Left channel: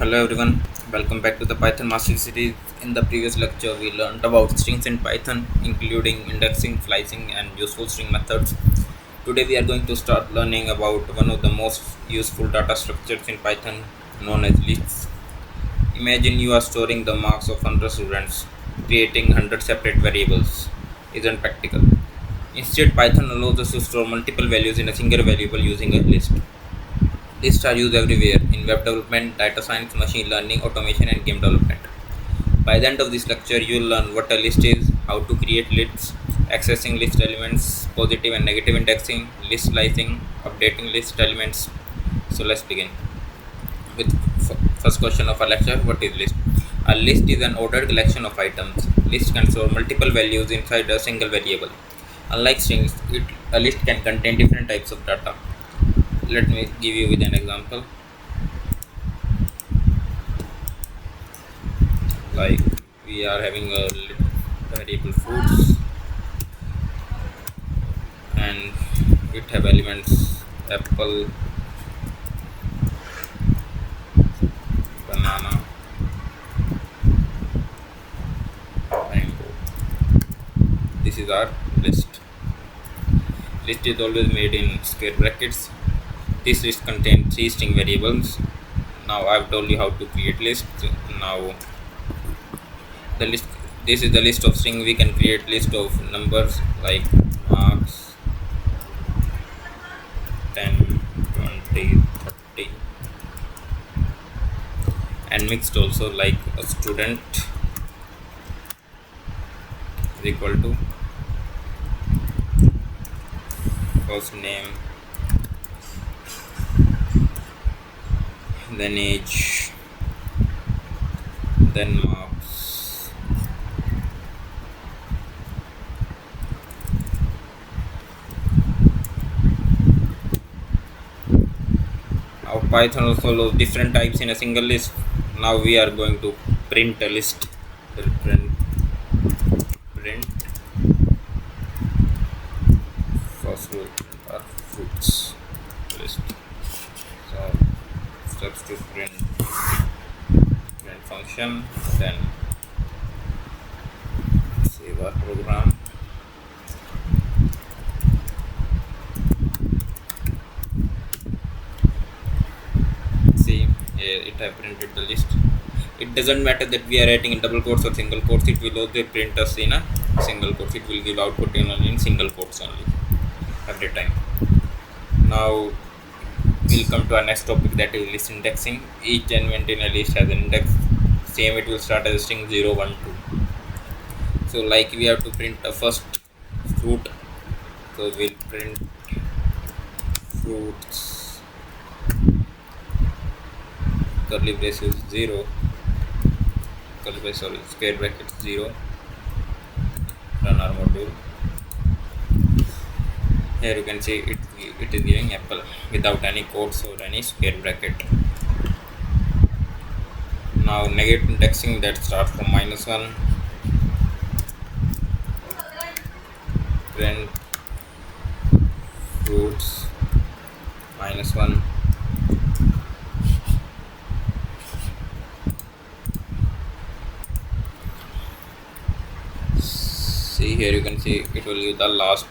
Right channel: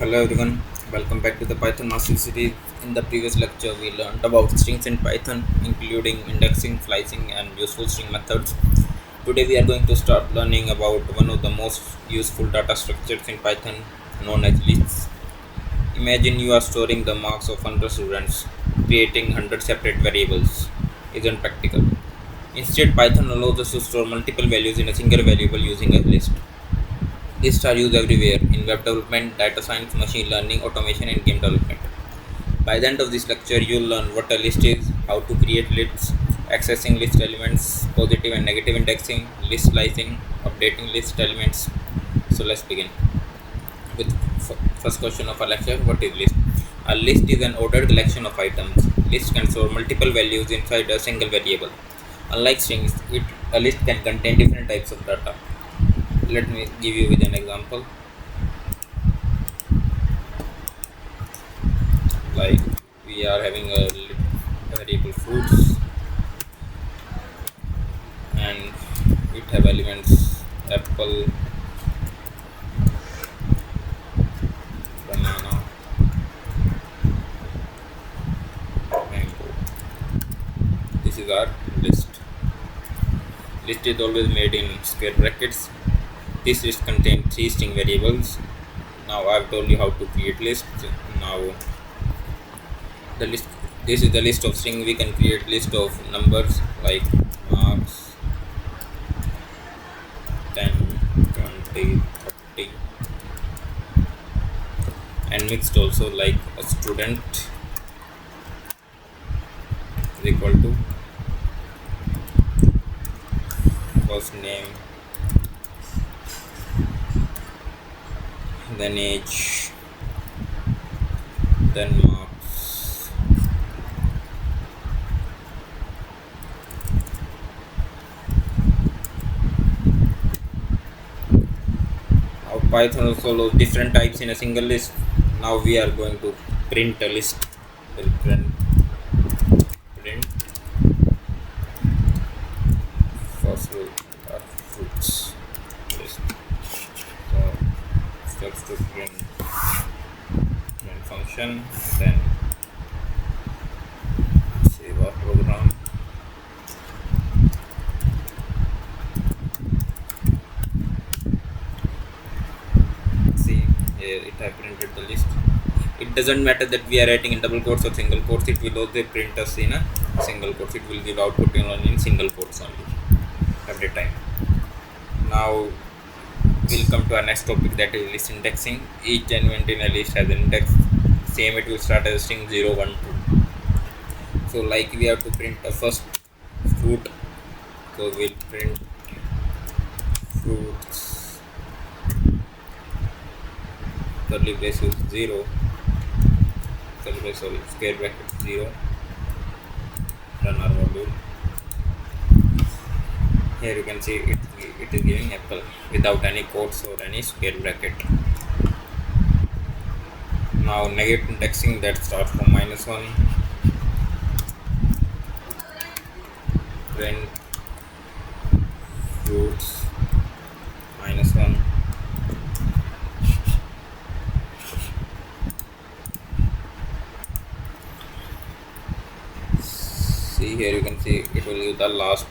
Hello everyone, welcome back to the Python Mastery series. In the previous lecture, we learned about strings in Python, including indexing, slicing, and useful string methods. Today, we are going to start learning about one of the most useful data structures in Python, known as lists. Imagine you are storing the marks of 100 students, creating 100 separate variables. Isn't practical. Instead, Python allows us to store multiple values in a single variable using a list. Lists are used everywhere in web development, data science, machine learning, automation, and game development. By the end of this lecture, you'll learn what a list is, how to create lists, accessing list elements, positive and negative indexing, list slicing, updating list elements. So let's begin with first question of our lecture. What is list? A list is an ordered collection of items. List can store multiple values inside a single variable. Unlike strings, a list can contain different types of data. Let me give you with an example. Like we are having a variable fruits and it have elements apple, banana, mango. This is our list is always made in square brackets. This list contains three string variables. Now I've told you how to create lists. Now the list, this is the list of string. We can create list of numbers like marks 10, 20, 30, and mixed also, like a student is equal to first name, then age, then marks. Now Python also allows different types in a single list. Now we are going to print a list. We'll print first we'll print our fruits list. So steps to print function, then save our program. See here it have printed the list. It doesn't matter that we are writing in double quotes or single quotes, it will also print us in a single quotes. It will give output in single quotes only every time. Now we'll come to our next topic, that is list indexing. Each element in a list has an index. Same, it will start as a string 0, 1, 2. So like we have to print a first fruit, so we'll print fruits curly braces 0, curly brace, sorry, square bracket 0. Run our module. Here you can see it is giving apple without any quotes or any square bracket. Now negative indexing, that starts from -1. Print fruits -1. See here you can see it will give the last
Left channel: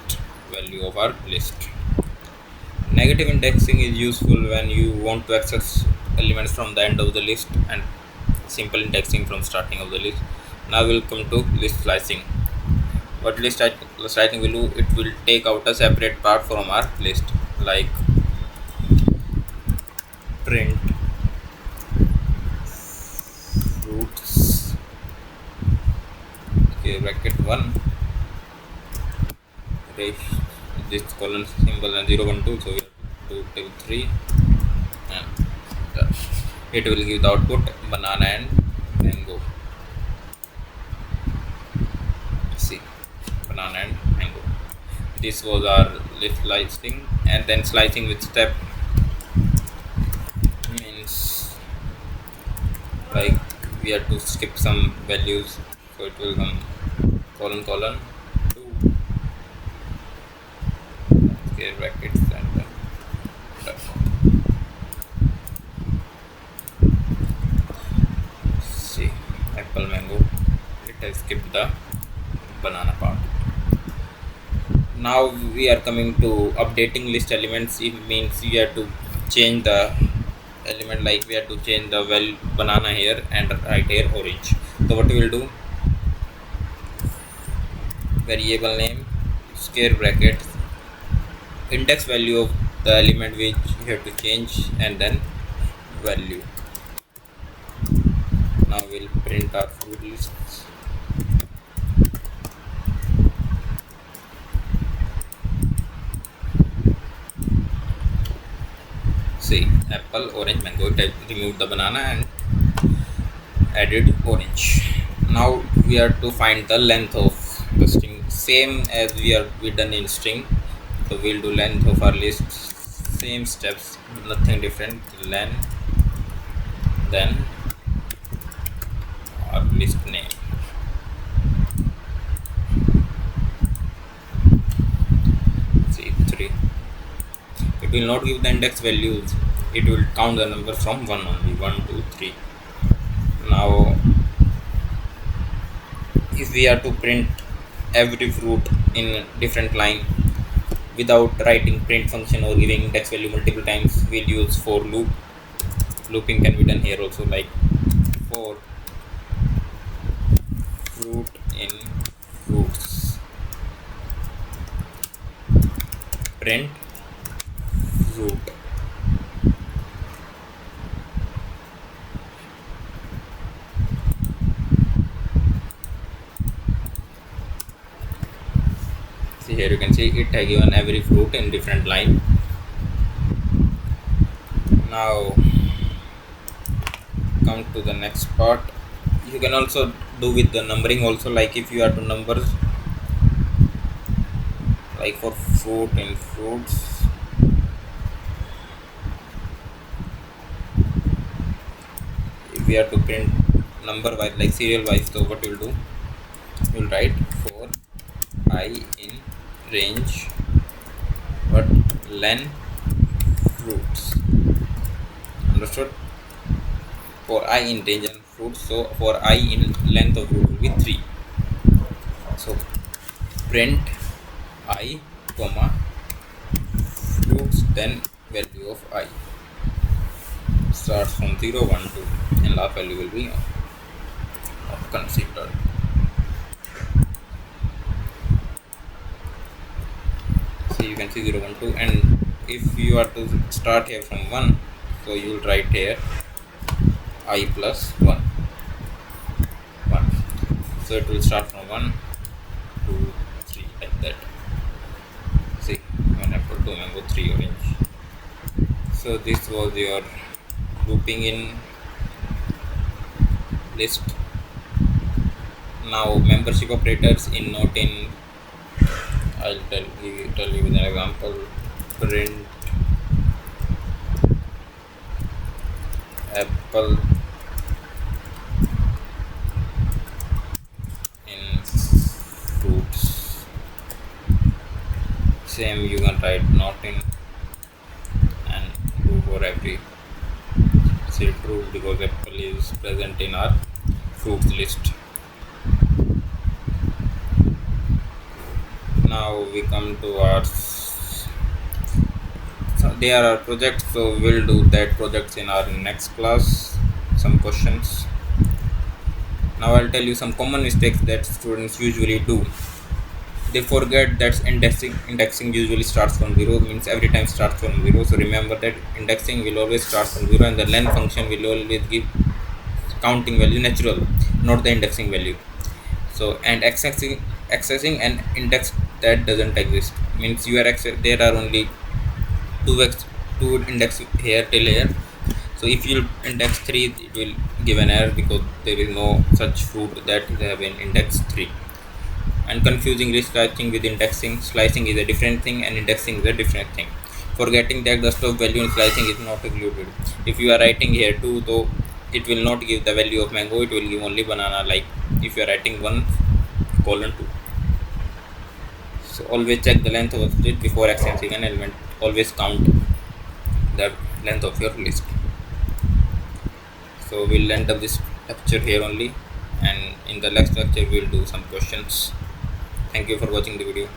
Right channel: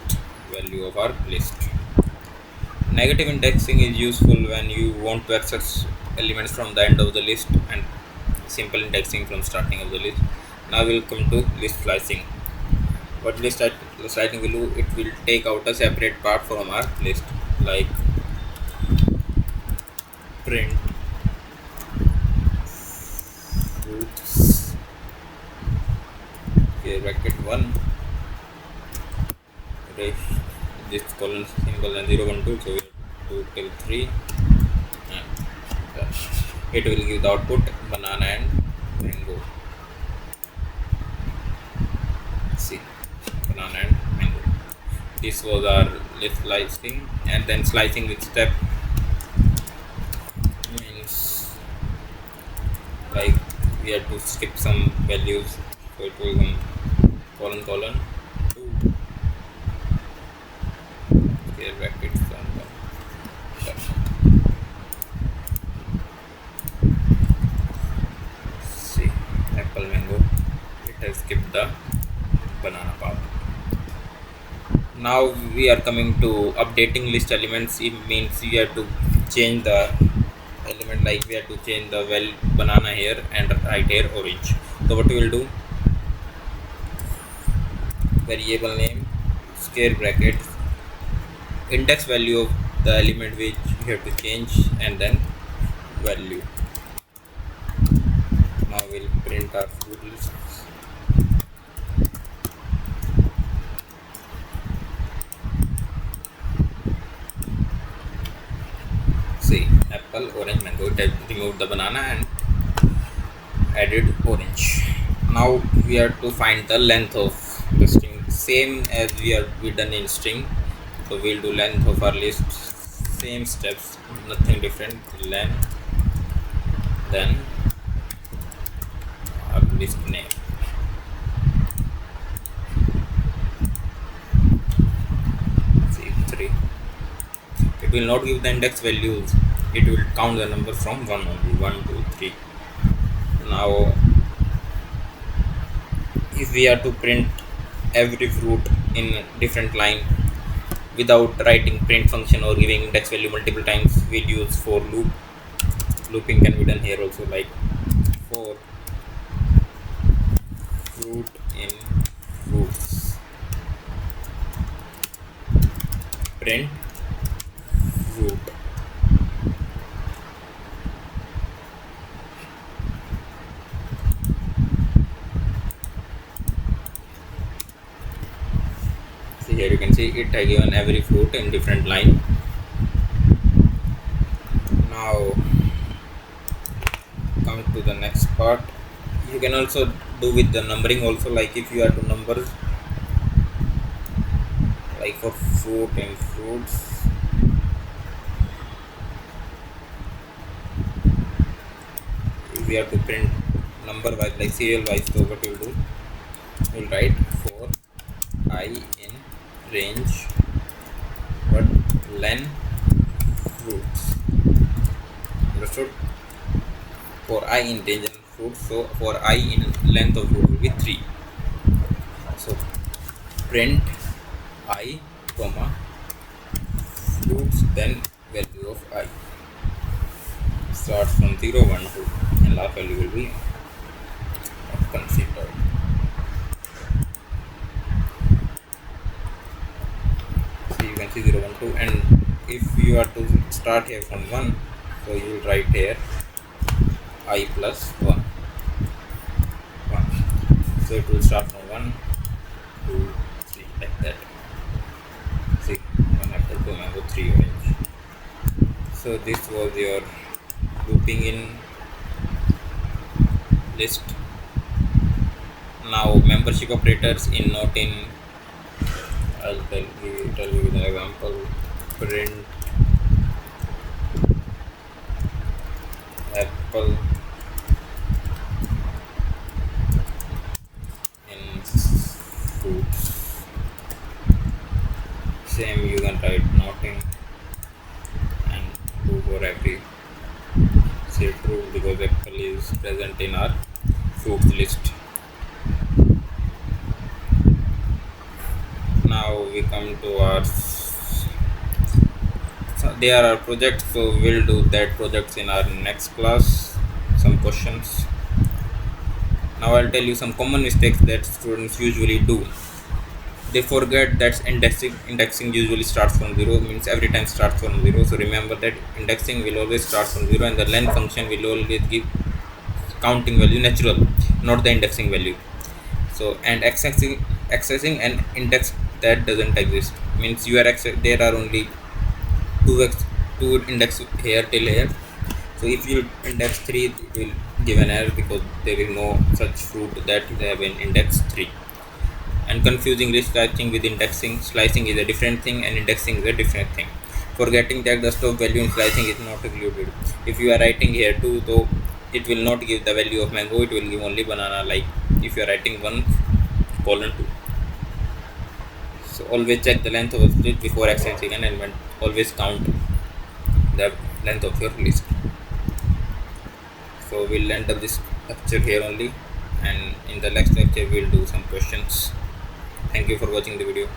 value of our list. Negative indexing is useful when you want to access elements from the end of the list, and simple indexing from starting of the list. Now we'll come to list slicing. What list slicing will do, it will take out a separate part from our list, like print fruits okay, bracket 1 this colon symbol and 0, 1, 2, so we have to do till 3, and it will give the output banana and mango. See, banana and mango. This was our list slicing. And then slicing with step means like we have to skip some values, so it will come colon 2 square brackets and then done. apple mango. It has skipped the banana part. Now we are coming to updating list elements. It means you have to change the element, like we have to change the banana here and right here orange. So what we will do, variable name, square bracket, index value of the element which you have to change, and then value. Now we'll print our fruit lists. See, apple, orange, mango. It has removed the banana and added orange. Now we have to find the length of the string, same as we done in string. So we'll do length of our list, same steps, nothing different. Len, then our list name. See, 3. It will not give the index values, it will count the number from 1 only. 1 2 3. Now if we are to print every fruit in different line without writing print function or giving index value multiple times, we'll use for loop. Looping can be done here also, like for fruit in fruits, print fruit. See, here you can see it has given every fruit in different line. Now come to the next part. You can also do with the numbering also, like if you are to numbers, like for fruit in fruits, if we are to print number wise, like serial wise, so what you will do, you will write for I in range what len fruits. Understood? For I in range and fruits, so for I in length of fruit will be 3. So print I comma fruits, then value of I starts from 0 1 2 and last value will be not considered. So you can see 0 1 2, and if you are to start here from 1, so you will write here I plus 1 1. So it will start from 1 2 3 like that. See, 1 apple, 2 mango, 3 orange. So this was your looping in list. Now membership operators in not in, I'll tell you with an example. Print apple in fruits. Same you can write not in and do for every. Say true because apple is present in our fruits list. Now we come to our, so there are projects, so we'll do that projects in our next class. Some questions. Now I'll tell you some common mistakes that students usually do. They forget that indexing usually starts from 0, means every time starts from 0. So remember that indexing will always start from 0, and the len function will always give counting value natural, not the indexing value. So and accessing an index that doesn't exist, means you are there are only two index here till here. So if you index 3, it will give an error because there is no such fruit that have an index 3. And confusing slicing with indexing. Slicing is a different thing and indexing is a different thing. Forgetting that the stop value in slicing is not included. If you are writing here 2, though it will not give the value of mango, it will give only banana, like if you are writing 1:2. So always check the length of a list before accessing an element. Always count the length of your list. So we'll end up this lecture here only. and in the next lecture we'll do some questions. Thank you for watching the video.